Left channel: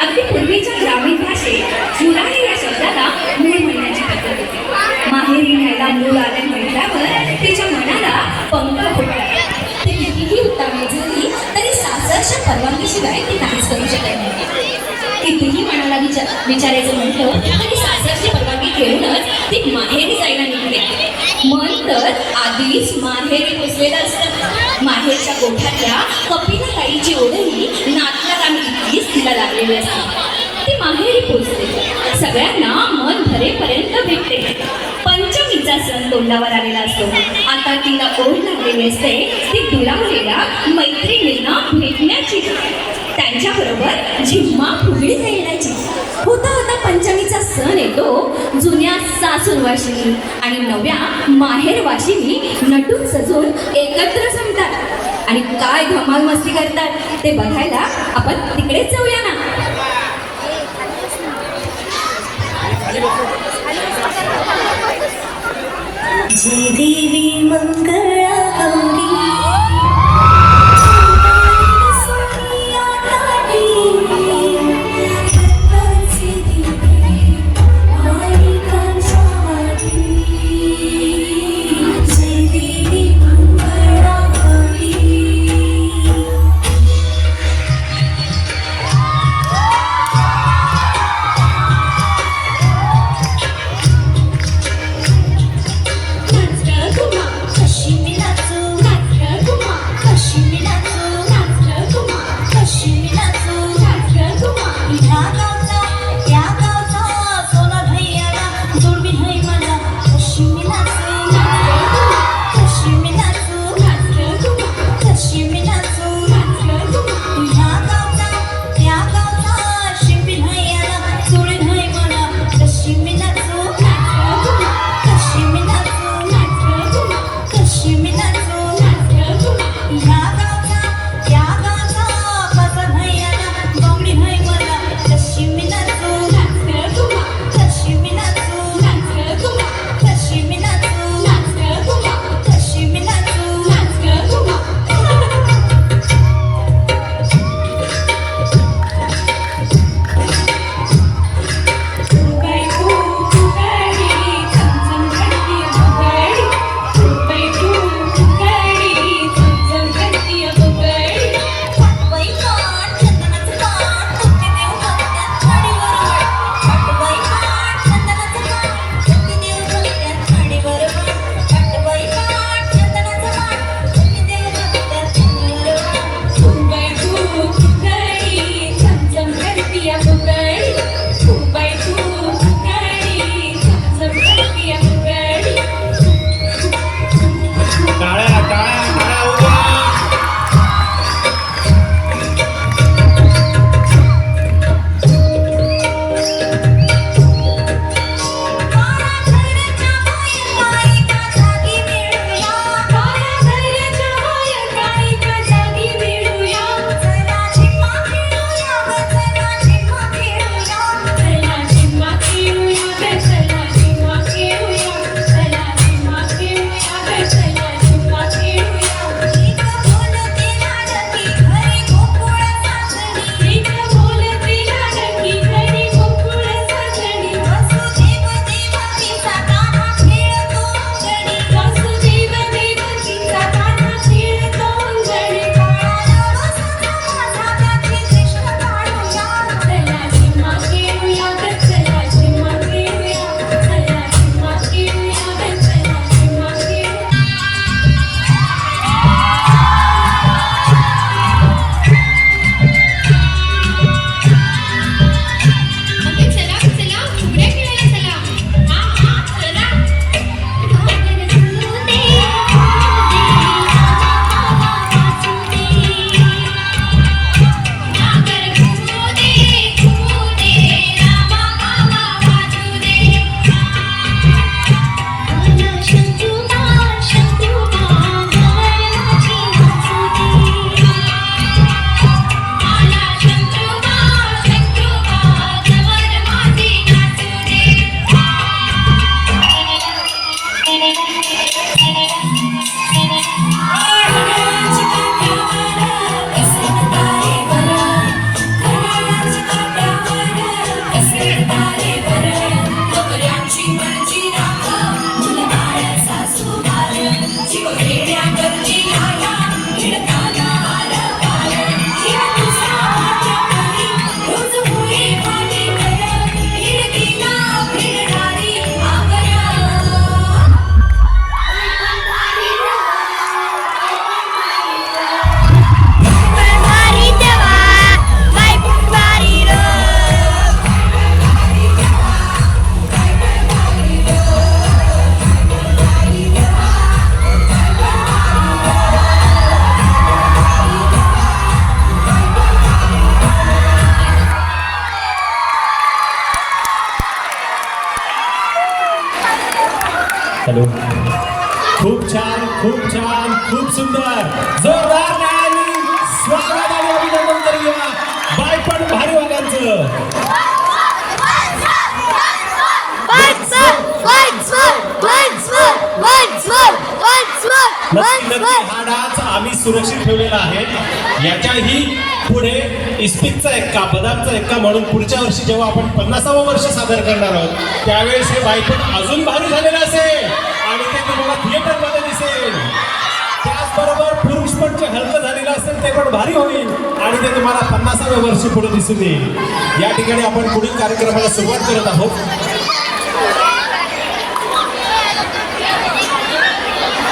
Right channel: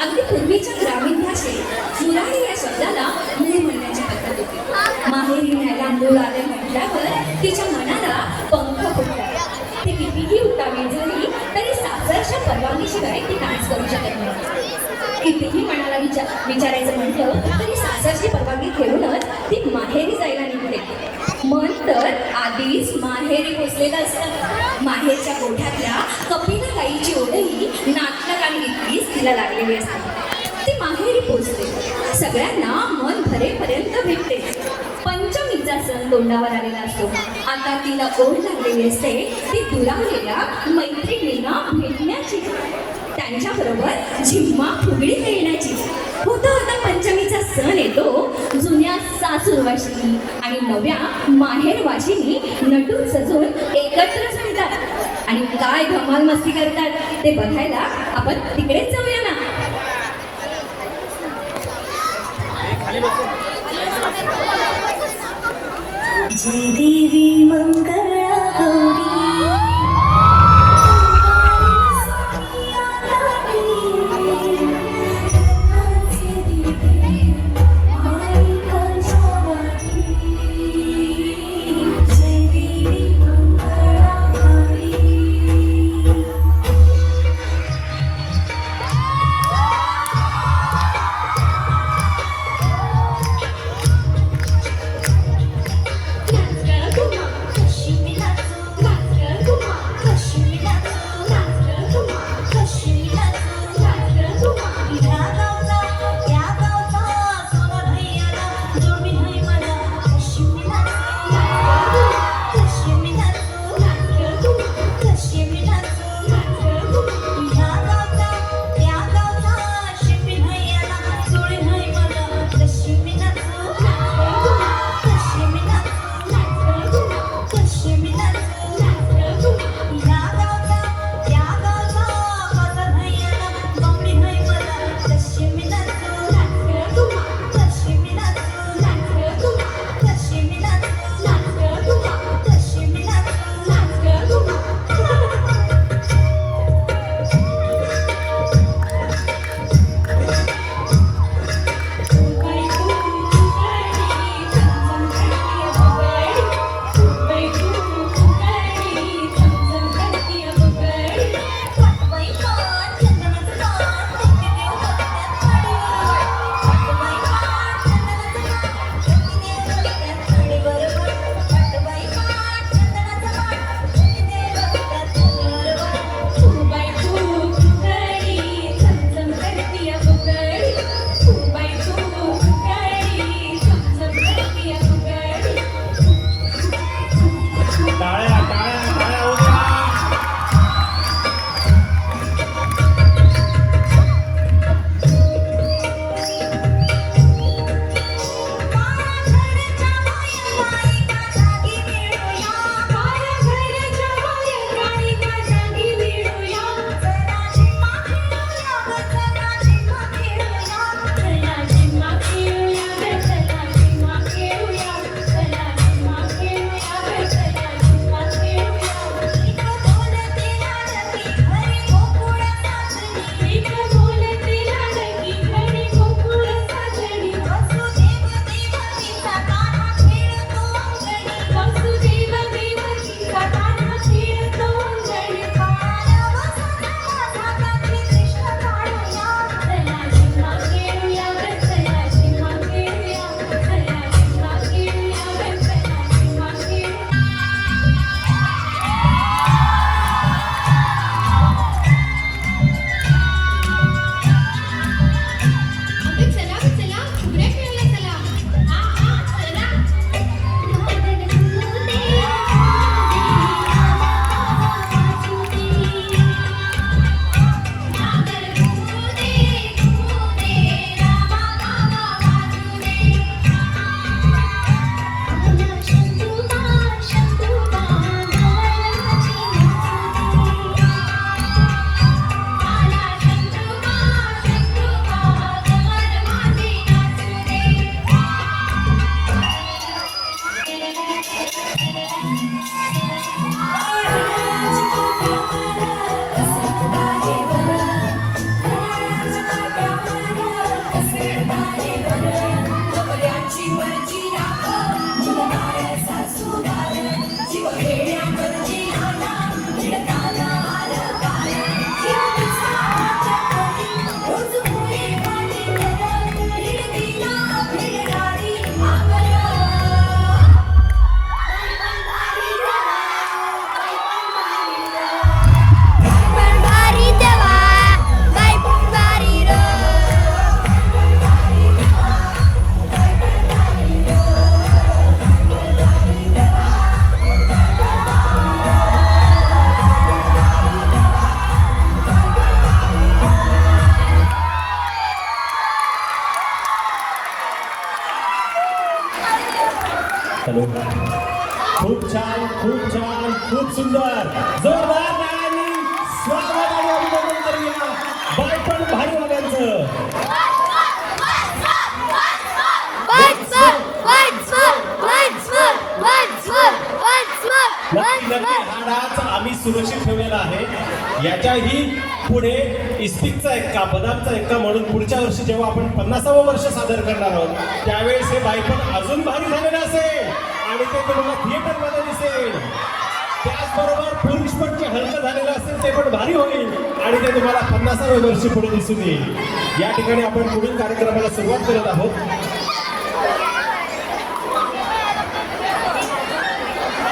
अगदी पूर्वीच्या ग्रामीण भाषेत जुराणी या शब्दाला मूळ म्हणण्याची पद्धत होती. माहेरी न्यायला मूळ आले म्हटल्यावर तिच्या मनाला पंख फुटला. ती कितीही उत्तमे झाली तरी सासरच्या परवानगीशिवाय ती काहीच करू शकत नाही. कितीही मनाला विचारायचं म्हटलं तरी सासरची परवानगी घेऊनच ती माहेरी जायला निघते. मन तर आधीच माहेरी पोचलेलं असतं. माहेरच्या गोठ्यातल्या कपिला गाईची ओढही नातलागामी इतकीच तिला लागलेली असते. ती माहेरी पोचते. सगळ्यांना मन भरेपर्यंत भेटते. पंचमीचा सण तोंडावर आलेला असतो. आता तिला ओढ लागलेली असते ती दुरावलेल्या मैत्रिणींना भेटण्याची, त्यांच्याबरोबर झिम्मा फुगडी खेळण्याची. होता होता पंचमीचा सण येतो. जुन्या सासूरवाशिनी आणि नव्या माहेरवाशिनी नटून सजून एकत्र जमतात आणि काय धमाल मस्ती करतात ते बघायला आपण तिकडेच जाऊया ना. जय देवी मंगळा गौरी कशी छान, खूप सुंदर, जोरदार टाळ्यांनी स्वागत आणि अभिनंदन करूया बायपण भारी वागांचं. नक्की नक्की हा डान्स आम्ही सुरक्षित ठेवलेला आहे. याच्याही पुढे इस्पिकचा एक्का, बदामचा एक्का म्हणून पुढच्या वर्षी जेव्हा आपण 50वे वर्ष सादर करणार आहोत त्यावेळेस हे बायपण अजून भारी झालेलं असेल आणि ते तुम्हाला थिएटरमध्ये दिसेल. त्याचबरोबर पुरुषपण जे हलकं झालेलं असेल ते पण भारी होईल आणि ते तुम्हाला 50वे वर्षी पुढे दिसून येईल. या ठिकाणी आपण पुढील कार्यक्रमाला सुरुवात करत आहोत.